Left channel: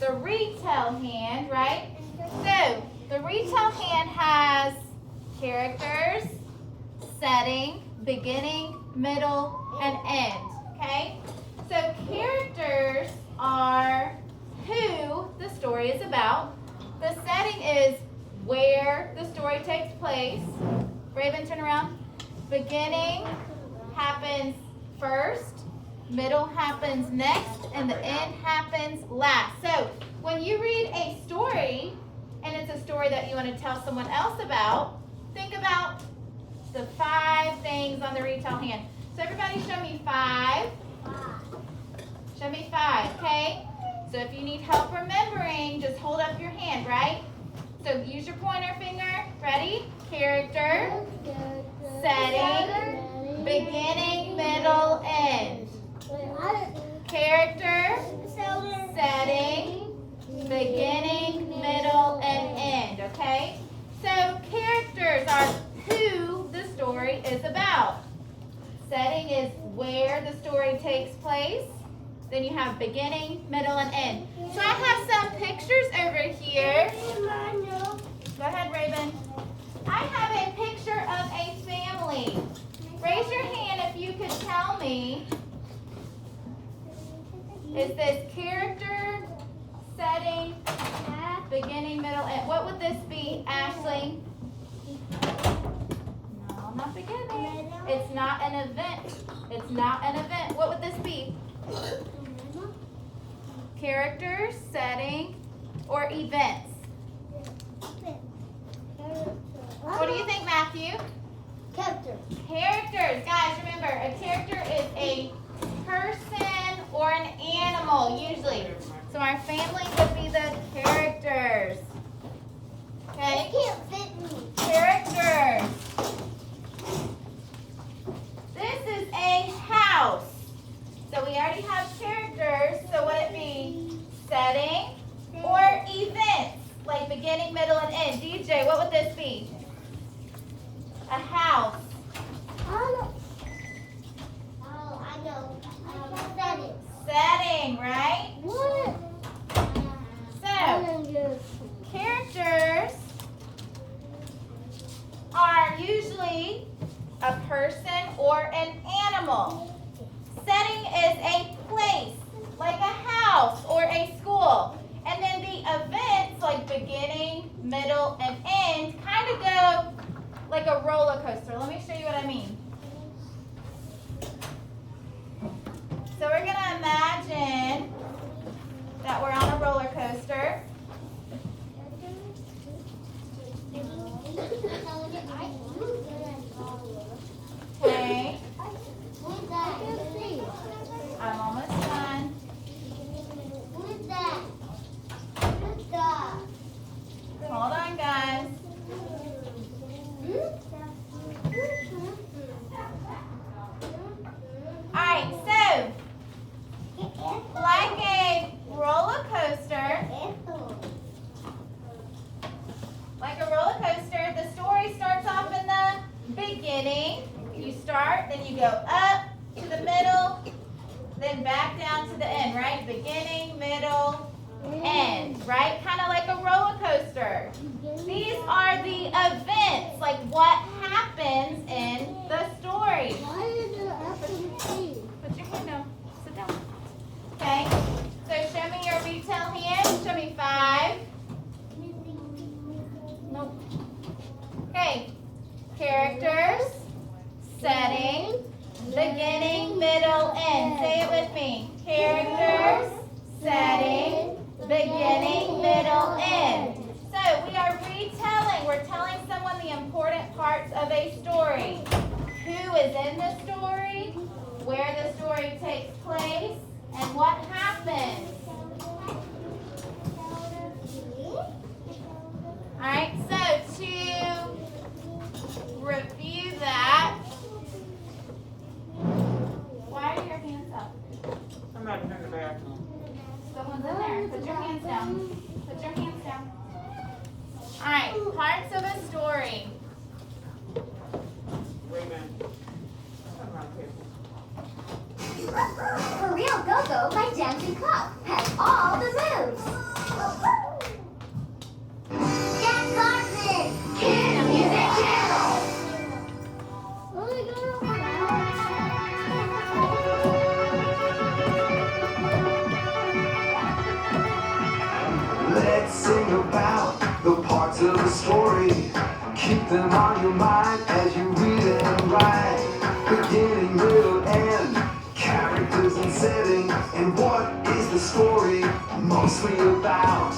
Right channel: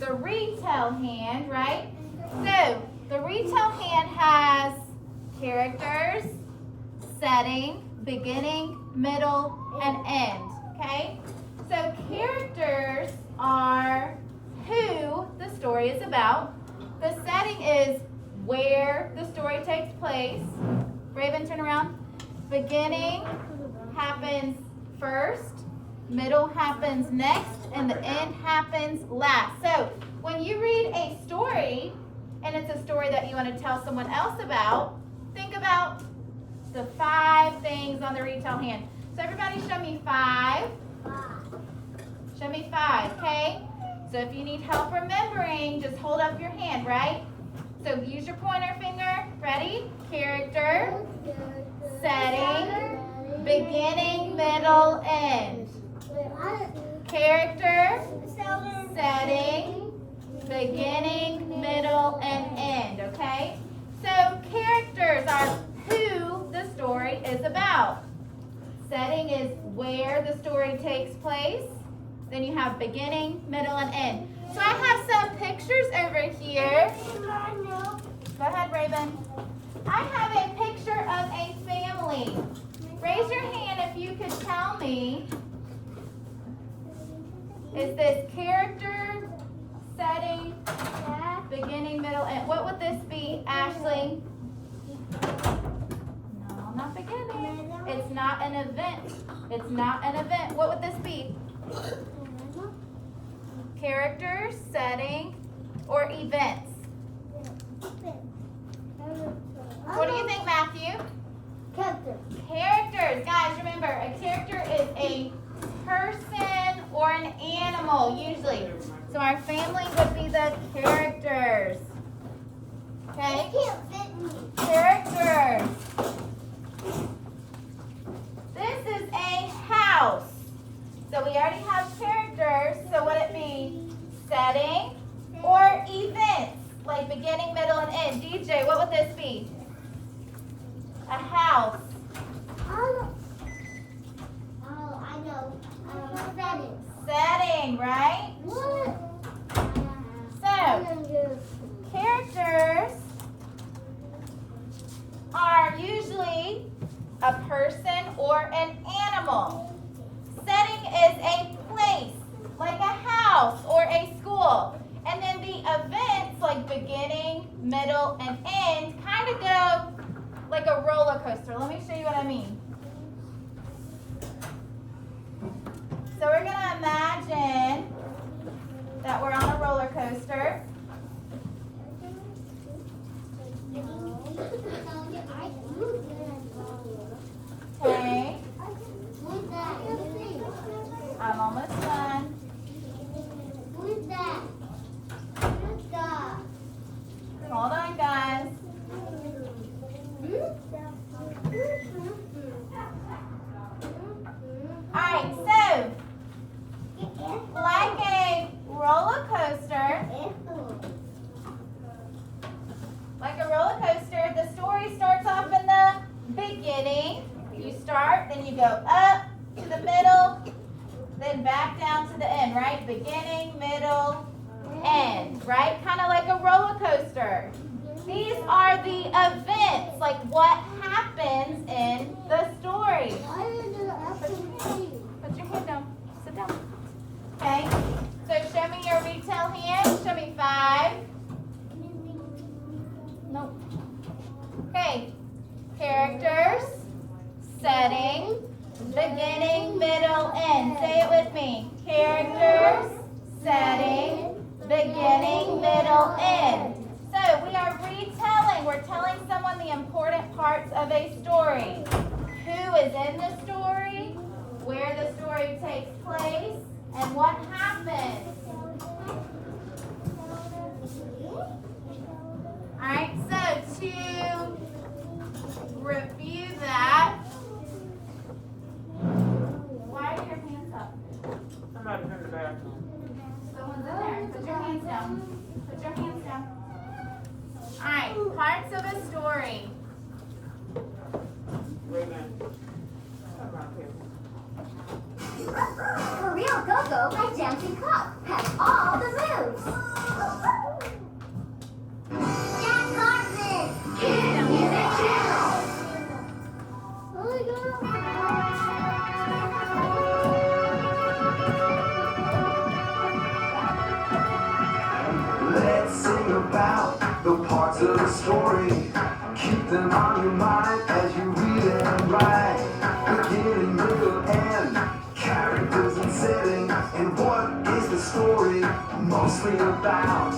the retell hand, right? So the retell hand has characters, setting, beginning, middle, and end, okay? So characters are who the story is about. The setting is where the story takes place. Raven, turn around. Beginning happens first, middle happens next, and the end happens last. So when you read a story, and it's a story that you want to tell someone else about, think about the 5 things on the retell hand. So everybody show me 5. Show me 5, okay? So if you need help remembering, just hold up your hand, right? So use your pointer finger. Ready? Character, setting, beginning, middle, end. Character, setting, beginning, middle, and end, okay? So characters are who the story is about. Setting is where the story takes place. Then you have beginning, middle, and end. So I have some pictures over here. Go ahead, Raven. I have a picture of a family. Raise your hand if you could tell me, is this character, setting, beginning, middle, end? What would this be, Ashley? No, not beginning. It's not an event. It's not an event. What would this be? Character, setting, or events? What do you think, Matthew? Characters. Guys, remember, a character is a person or an animal, usually. So our family would be the characters. Okay? Characters. This is a house. So we already have characters. So would it be setting or events? Like beginning, middle, and end. DJ, what would this be? A house. Setting, right? So, characters are usually a person or an animal. Setting is a place, like a house or a school. And then the events, like beginning, middle, and end, kind of go like a roller coaster. Let me show you what I mean. So we're going to imagine that we're on a roller coaster. Okay. I'm almost done. Hold on, guys. Alright, so like a roller coaster, the story starts off in the beginning. You start, then you go up to the middle, then back down to the end, right? Beginning, middle, end, right? Kind of like a roller coaster. These are the events, like what happens in the story. Put your hand down. Sit down. Okay. So show me your retell hand. Show me 5. Nope. Okay. Characters, setting, beginning, middle, end. Say it with me. Characters, setting, beginning, middle, end. So we are retelling. We're telling someone the important parts of a story. Who is in the story, where the story takes place, and what happens. All right, so to review that, why are your hands up? I'm not turning the bathroom. Someone's in there. Put your hands down. Put your hands down. All right, parts of a story. Amen. For real. Go Go, my dancing clock, has all the moves. Jack Carson, Kids Music Channel. Let's sing about the parts of the story. Keep them on your mind as you read and write. Beginning, middle, end, characters and setting, and what is the story mostly about?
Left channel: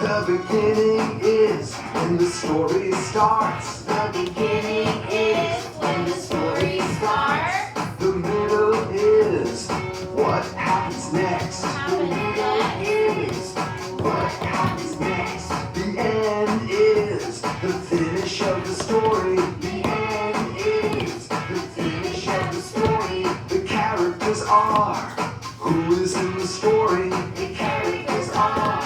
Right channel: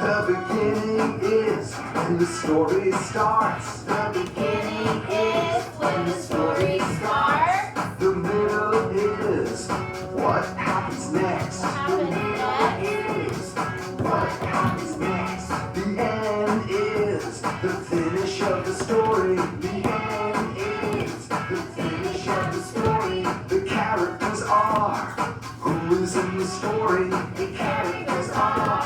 The beginning is when the story starts. The Beginning is when the story starts. The middle is what happens next. Happens next. Is what happens next. The end is the finish of the story. The end is the finish of the story. The characters are who is in the story. The characters are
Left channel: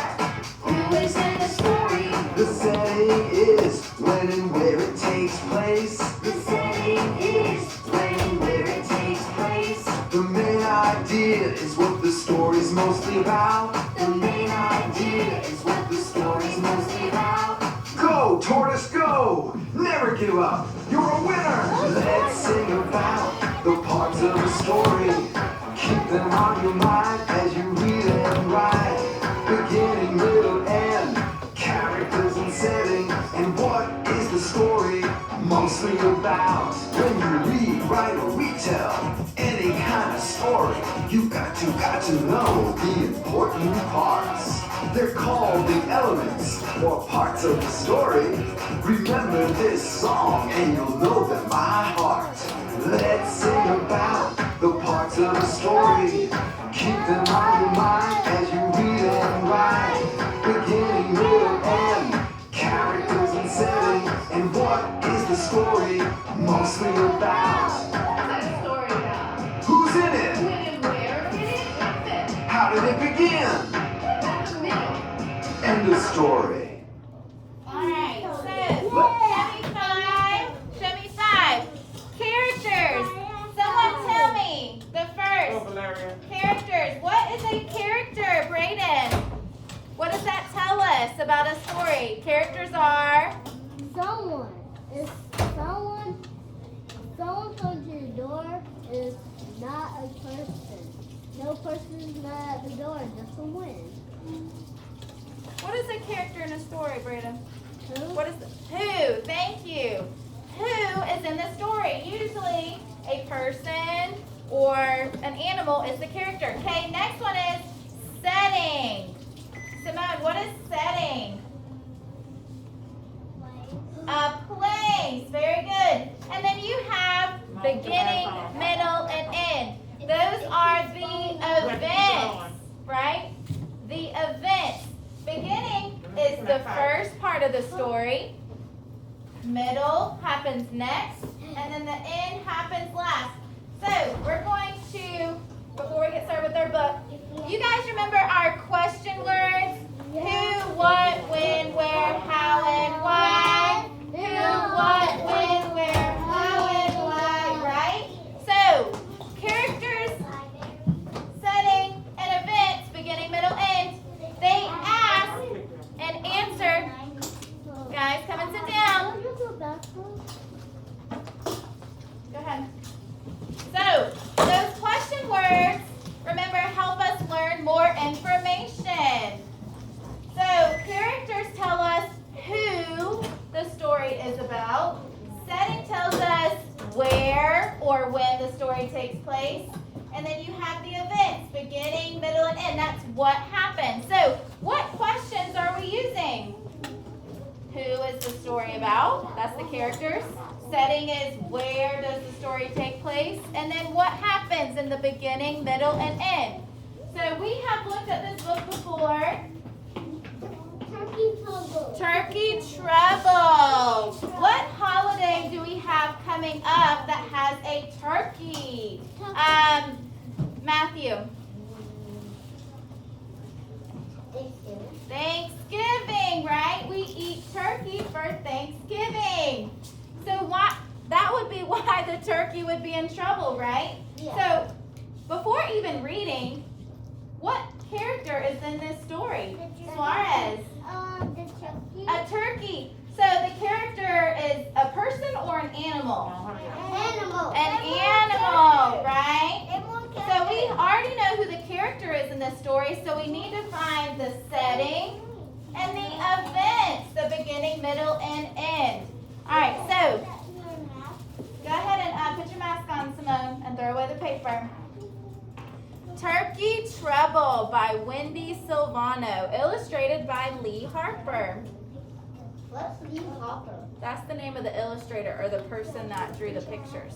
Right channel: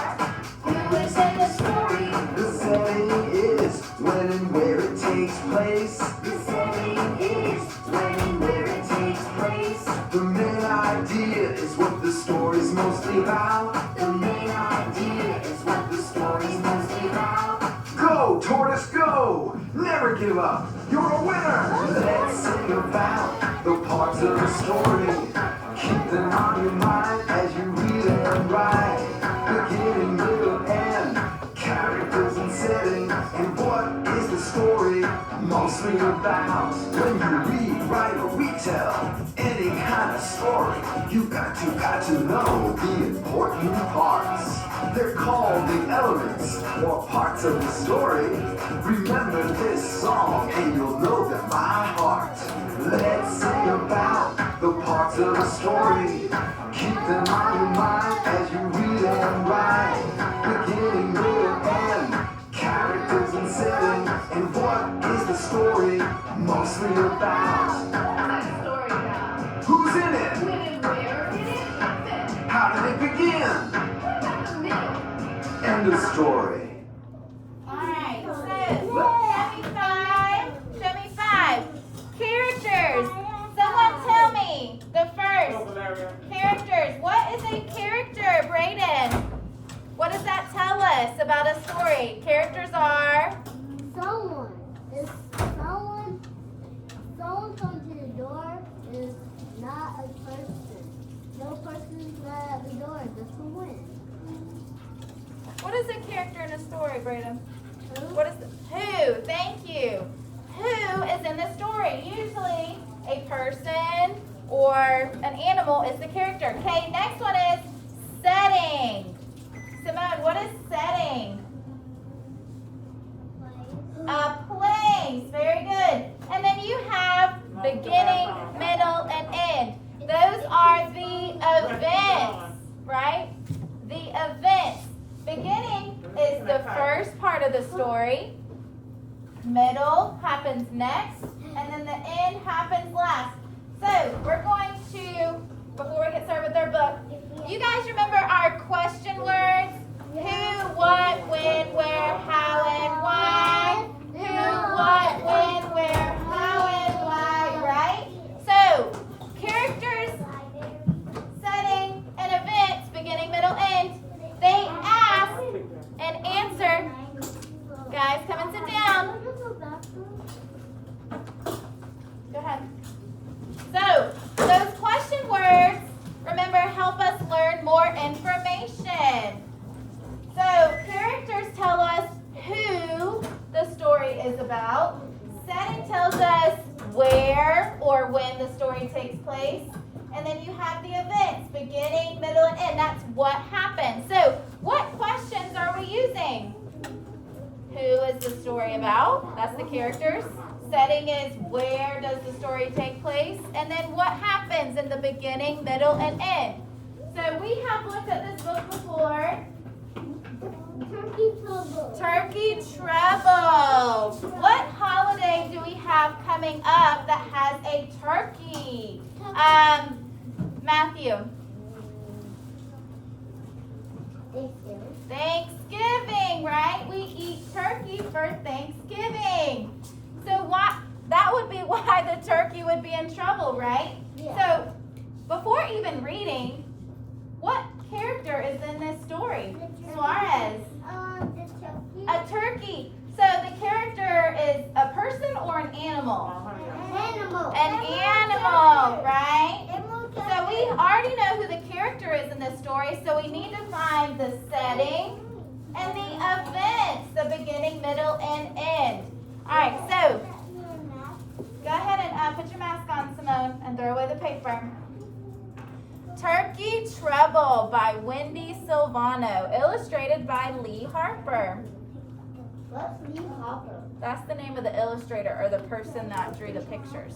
who is in the story. The setting is when and where it takes place. The setting is when and where it takes place. The main idea is what the story's mostly about. The main idea is what the story's mostly about. Go, tortoise, go! Never give up. You're a winner. Let's sing about the parts of the story. Keep them on your mind as you read and write. Beginning, middle, end, characters and setting, and what is the story mostly about? When you read, write, or retell any kind of story, you got to know the important parts. They're called the elements or parts of the story. Remember this song and you'll know them by heart. Let's sing about the parts of the story. Keep them on your mind as you read and write. Beginning, middle, end, characters and setting, and what is the story mostly about? Who's in it? How did it begin? End of story. Alright, so show me five characters. Someone tell me the first characters. What is a character, Brayden? What does that tell us about a story? Characters are Someone. If someone comes to your door, is not a person. No person is not at the door, just a wind. what is a character in a story, Brayden? Who? What is who? Thank you. Who is in the story? Usually a person or an animal is the character. Okay, next one is setting. Simone, what is setting? A place. Very good. And then you have beginning, middle, and end. Those are the events, right? The events. Beginning is the first part of the story. Middle happens next. And then the end happens last. So we're going to, before we get started with our book, you guys remember our question words? Who, what, when, where, how, and why? Who, what, when, where, how, and why, right? So, characters, setting, and events, beginning, middle, end, they ask and answer. Guys, come and sit down. Go ahead. So, those question words, remember, help us learn more information. So, characters tell us who the story is about. Setting tells us where or when the story takes place. And then you have the events, beginning, middle, and end. That's what happened. So, what questions are we using? Who is the story about? That's the characters. Setting is where does the story take place? And then what happens in the beginning, middle, and end? So we have looked at this book before. Turkey trouble. Turkey Trouble. What holiday do we have coming up that has a turkey? Matthew. Thanksgiving, right? We eat turkey for Thanksgiving. So that would be why the turkey would be in trouble, right? Yeah. So before even reading, what character is in this story? Suarez. The turkey. A turkey. So the character is a person or an animal? Animal. An animal, right? So we already know who the character is in this story, so we need to find the setting and the events, the beginning, middle, and end. All right, so go ahead and put your mask on, Simone, and throw away the paper. Turkey Trouble by Wendy Silvano, illustrated by Lee Harper. What's Lee Harper? That's the name of the illustrator or the person that drew the pictures.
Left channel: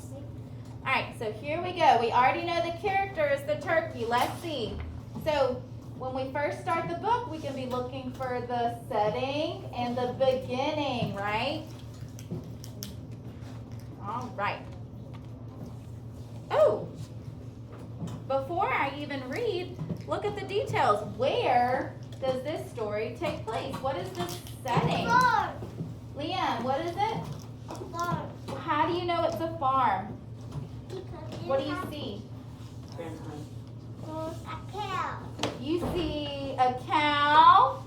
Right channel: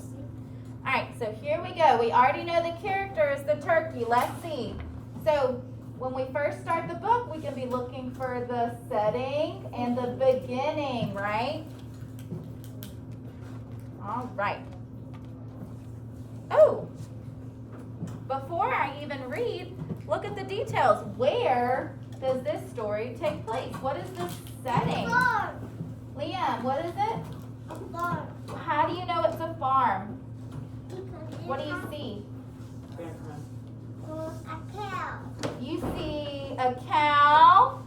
All right, so here we go. We already know the character is the turkey. Let's see. So when we first start the book, we can be looking for the setting and the beginning, right? All right. Oh, before I even read, look at the details. Where does this story take place? What is the setting? Farm. Liam, what is it? A farm. How do you know it's a farm? Because What do you see? a cow. You see a cow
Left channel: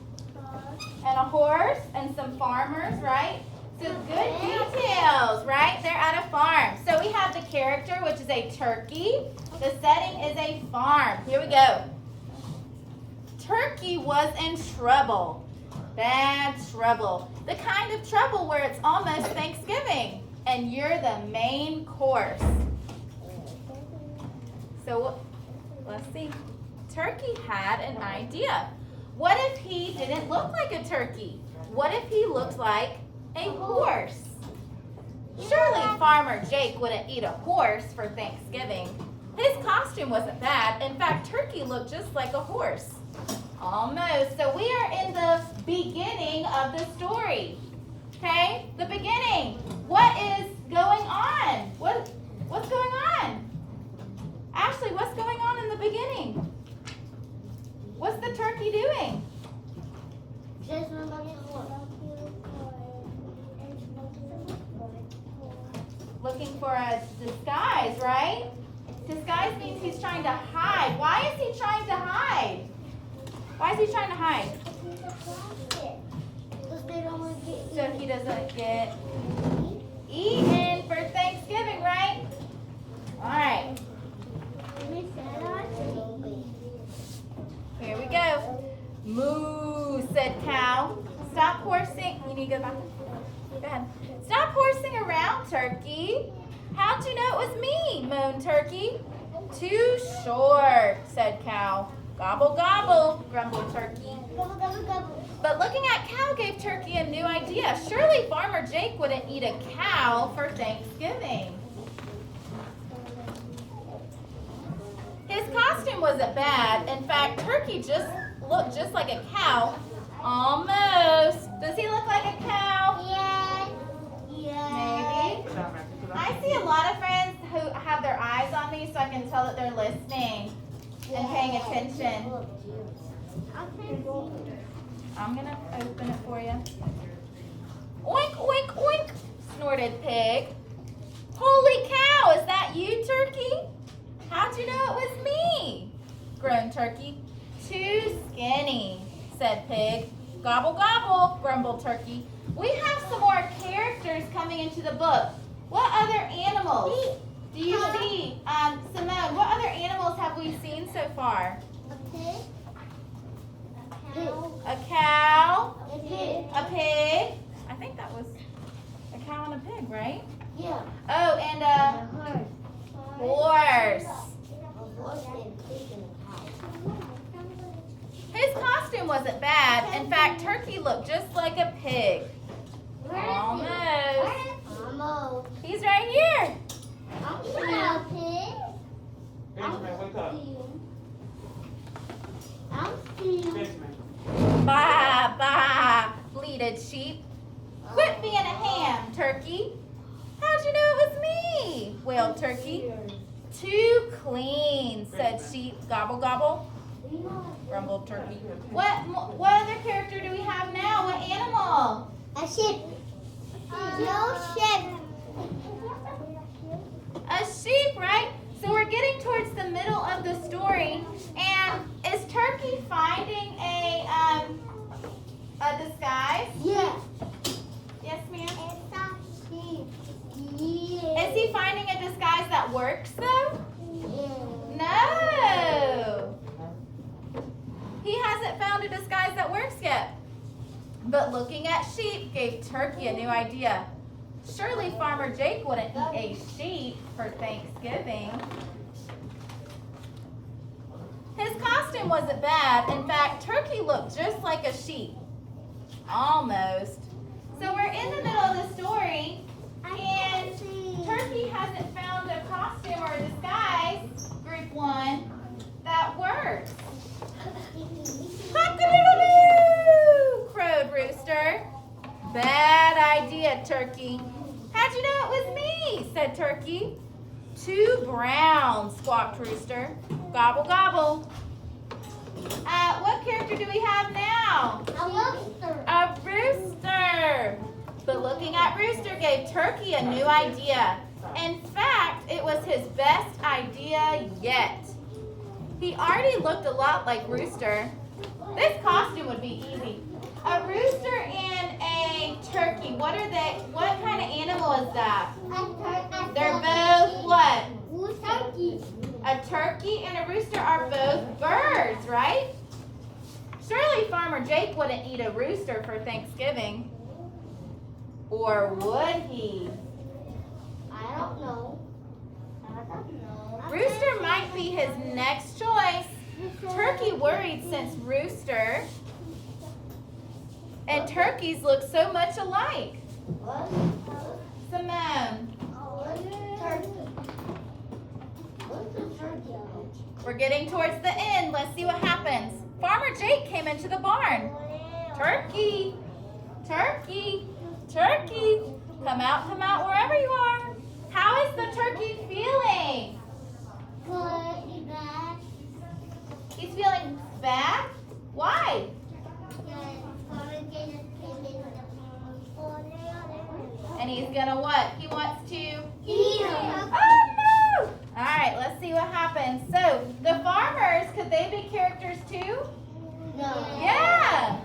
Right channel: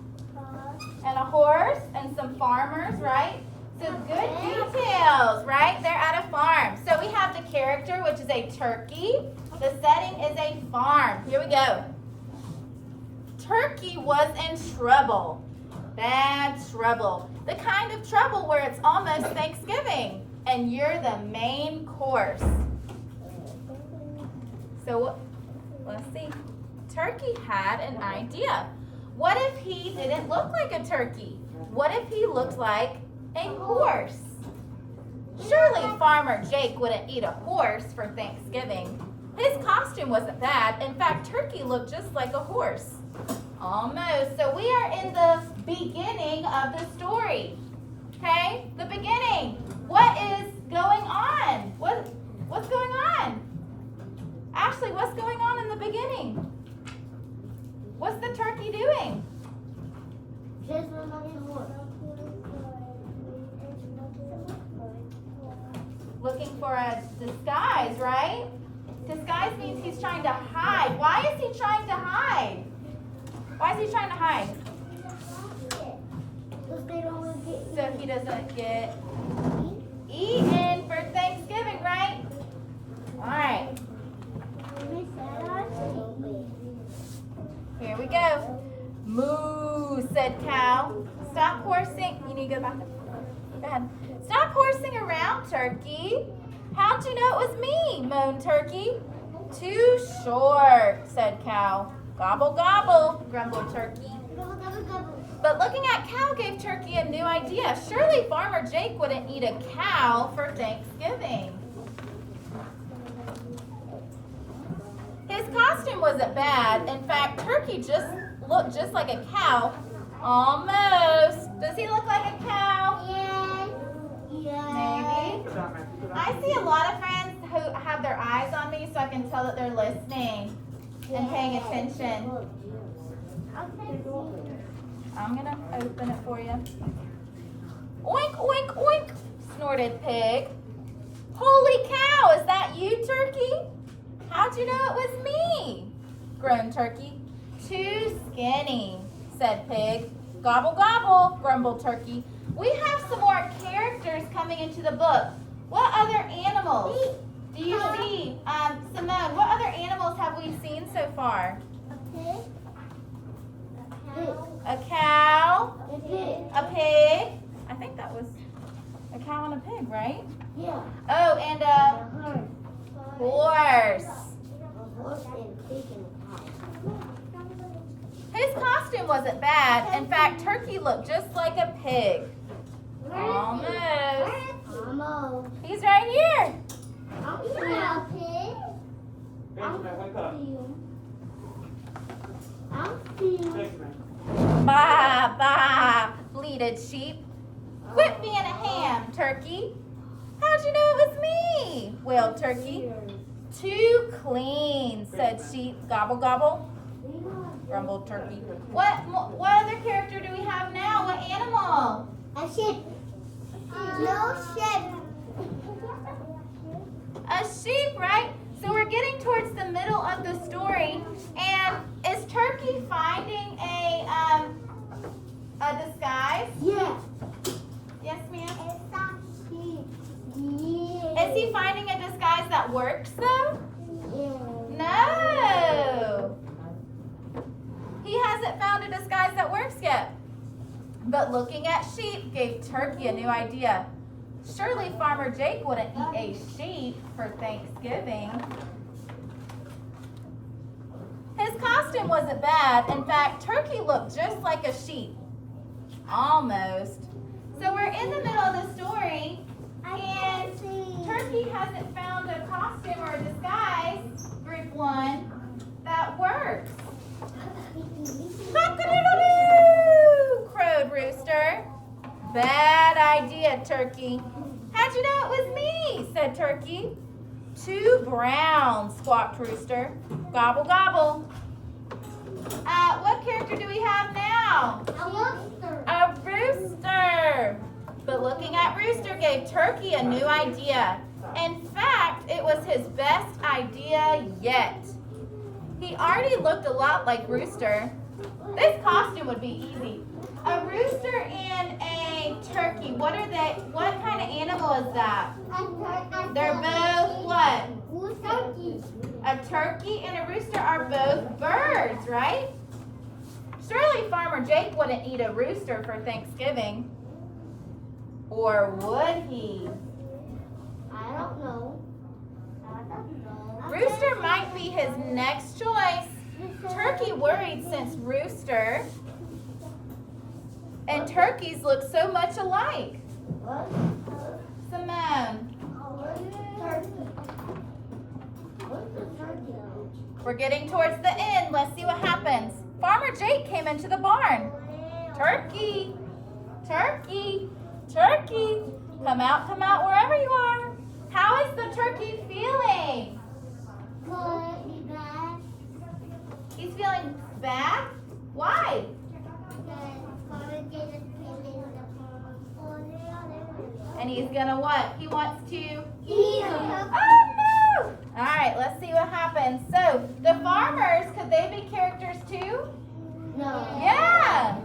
and a horse and some farmers, right? So good details, right? They're at a farm. So we have the character, which is a turkey. The setting is a farm. Here we go. Turkey was in trouble. Bad trouble. The kind of trouble where it's almost Thanksgiving and you're the main course. So let's see. Turkey had an idea. What if he didn't look like a turkey? What if he looked like a horse? Surely Farmer Jake wouldn't eat a horse for Thanksgiving. His costume wasn't bad. In fact, Turkey looked just like a horse. Almost. So we are in the beginning of the story. Okay? The beginning. What is going on? What's going on? Ashley, what's going on in the beginning? What's the turkey doing? Just Looking for a disguise, right? Disguise means he's trying to hide. Why is he trying to hide? Why is he trying to hide? So he doesn't get eaten for Thanksgiving, right? All right. Here we go. Moo, said cow. Stop horsing. You need to go back. Go ahead. Stop horsing around, turkey. How'd you know it was me? Moaned turkey. Too short, said cow. Gobble, gobble, grumbled turkey. Gobble, gobble, gobble. But looking at cow gave turkey a new idea. Surely Farmer Jake wouldn't eat a cow for Thanksgiving. His costume wasn't bad. In fact, turkey just looked just like a cow. Almost. Does he look like a cow? Yes. Yes. Maybe. I see a lot of friends who have their eyes on me so I can tell that they're listening and paying attention. I'm going to open it for you. Oink, oink, oink, snorted Pig. Holy cow, is that you, Turkey? How'd you know it was me? Groaned Turkey. Too skinny, said Pig. Gobble, gobble, grumbled Turkey. We have some more characters coming into the book. What other animals do you see? Simone, what other animals have we seen so far? A pig. A cow, A pig. a pig. I think that was a cow and a pig, right? Yeah. Oh, and a horse. His costume wasn't bad. In fact, Turkey looked just like a pig. Almost. Almost. He's right here. I'm a pig. What's up? Bah, bah, bleated sheep. Quit being a ham, Turkey. How'd you know it was me? Wailed Turkey. Too clean, said sheep. Gobble, gobble, grumbled Turkey. What other character do we have now? What animal? A sheep. No sheep. A sheep, right? So we're getting towards the middle of But looking at sheep gave Turkey a new idea. Surely Farmer Jake wouldn't eat a sheep for Thanksgiving. His costume wasn't bad. In fact, Turkey looked just like a sheep. Almost. So we're in the middle of the story, and Turkey hasn't found a costume or a disguise, group 1, that works. Cock-a-doodle-doo, crowed Rooster. Bad idea, Turkey. How'd you know it was me? Said Turkey. 2 browns, squawked Rooster. Gobble, gobble. What character do we have now? A rooster. But looking at Rooster gave Turkey a new idea. In fact, it was his best idea yet. He already looked a lot like Rooster. This costume would be easy. A rooster and a turkey. What are they? What kind of animal is that? They're both what? A turkey and a rooster are both birds, right? Surely Farmer Jake wouldn't eat a rooster for Thanksgiving. Or would he? I don't know. Rooster might be his next choice. Turkey worried since Rooster and turkeys look so much alike. Simone. We're getting towards the end. Let's see what happens. Farmer Jake came into the barn. Turkey, turkey, turkey. Come out wherever you are. How is the turkey feeling? He's feeling bad? Why? And he's gonna what? He wants to eat. Oh no! All right, let's see what happens. So the farmers, could they be characters too? No. Yeah.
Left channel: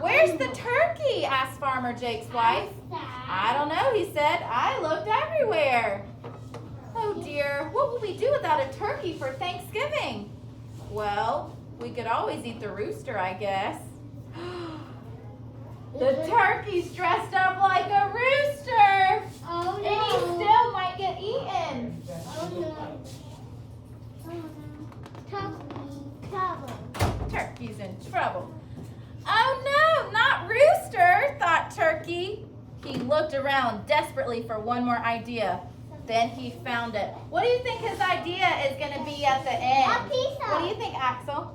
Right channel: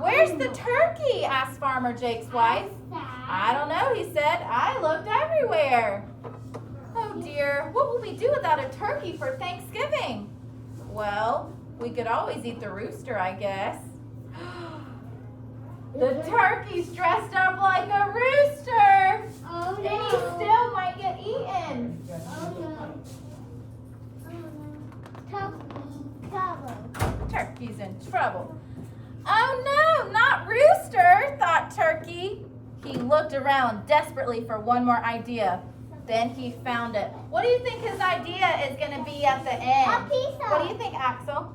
Where's the turkey? Asked Farmer Jake's wife. I don't know, he said. I looked everywhere. Oh dear, what will we do without a turkey for Thanksgiving? Well, we could always eat the rooster, I guess. The turkey's dressed up like a rooster. Oh, And he still might get eaten. Turkey's in trouble. Oh no, not Rooster, thought Turkey. He looked around desperately for one more idea. Then he found it. What do you think his idea is going to be at the end? A pizza. What do you think, Axel?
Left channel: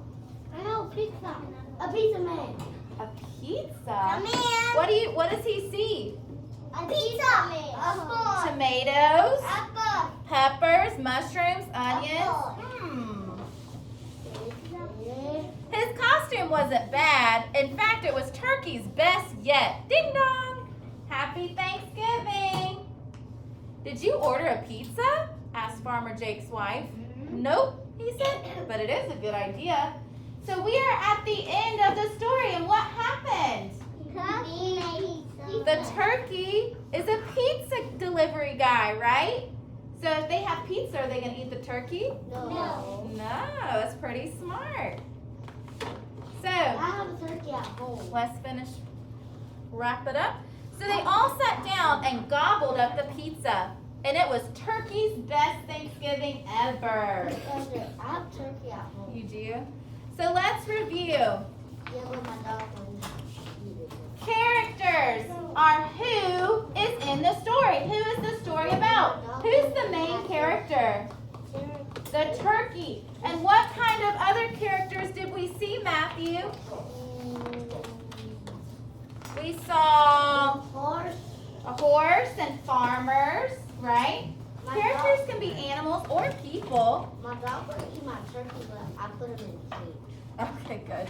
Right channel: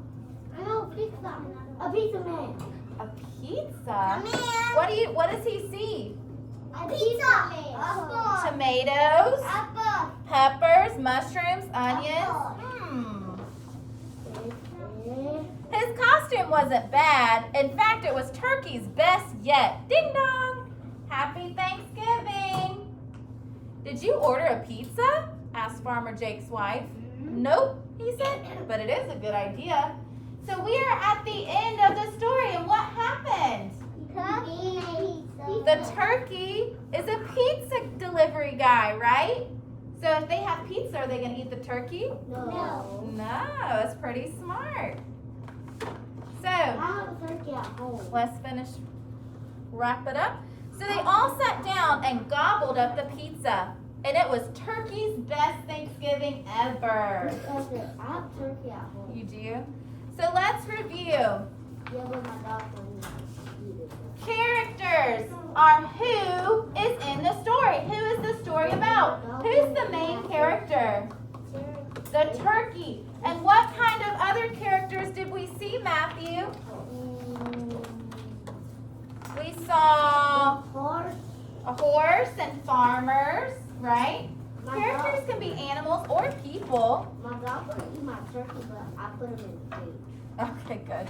No, pizza. A pizza man. A pizza? A man. What does he see? A pizza man. A spoon. Tomatoes, Apple. peppers, mushrooms, onions. His costume wasn't bad. In fact, it was Turkey's best yet. Ding dong! Happy Thanksgiving! Did you order a pizza? Asked Farmer Jake's wife. Nope, he said, but it is a good idea. So we are at the end of the story, and what happened? The turkey is a pizza delivery guy, right? So if they have pizza, are they going to eat the turkey? No. No, it's pretty smart. So, I have a turkey at home. let's wrap it up. So they all sat down and gobbled up the pizza. And it was Turkey's best Thanksgiving ever. I have turkey at home. You do? So let's review. Yeah, but my dog wouldn't eat it. Characters are who is in the story. Who is the story about? Who's the main character? The turkey. And what kind of other characters did we see, Matthew? We saw Horse. a horse and farmers, right? My Characters dog- can be animals or people. My dog would eat my turkey, but I put him in the cage. Okay, good.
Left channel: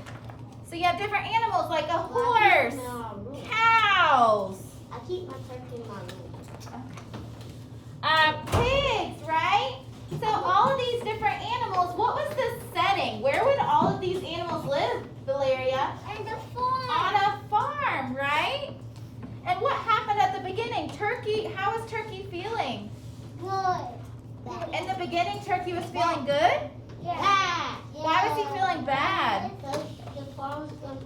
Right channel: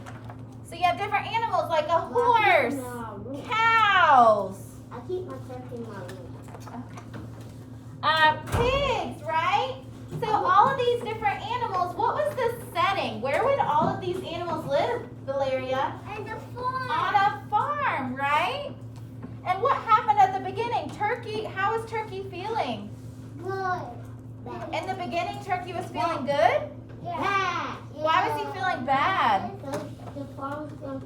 So you have different animals like a horse, No. cows, I keep my turkey in my room. pigs, right? So all of these different animals, what was the setting? Where would all of these animals live, Valeria? And the farm. On a farm, right? And what happened at the beginning? Turkey, how was Turkey feeling? Good. In the beginning, Turkey was feeling good? Yeah. Why was he feeling bad? Because the farm was going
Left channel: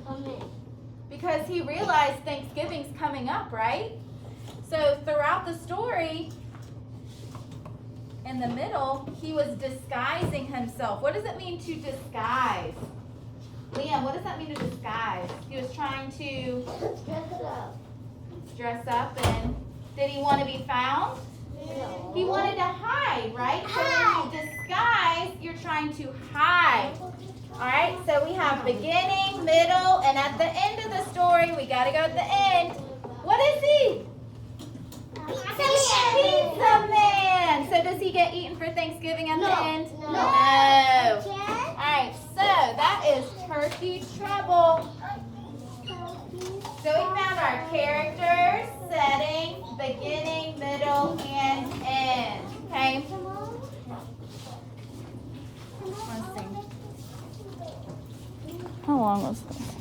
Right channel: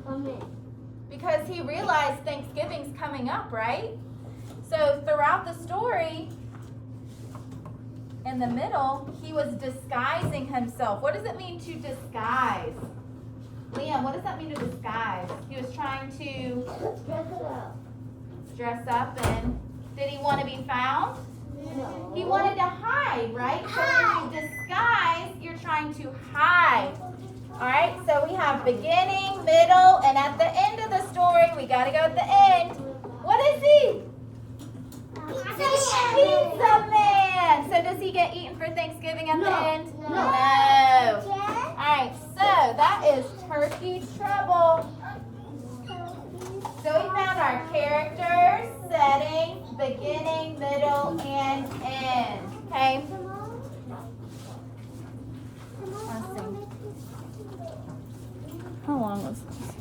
Because he realized Thanksgiving's coming up, right? So throughout the story, in the middle, he was disguising himself. What does it mean to disguise? Liam, what does that mean to disguise? He was trying to dress up, and did he want to be found? He wanted to hide, right? So when you disguise, you're trying to hide. All right, so we have beginning, middle, and at the end of the story, we got to go at the end. What is he? Pizza Man. So does he get eaten for Thanksgiving at the end? No. All right, so that is turkey trouble. So we found our characters, setting, beginning, middle, and end. Okay? Let's see. How long was this?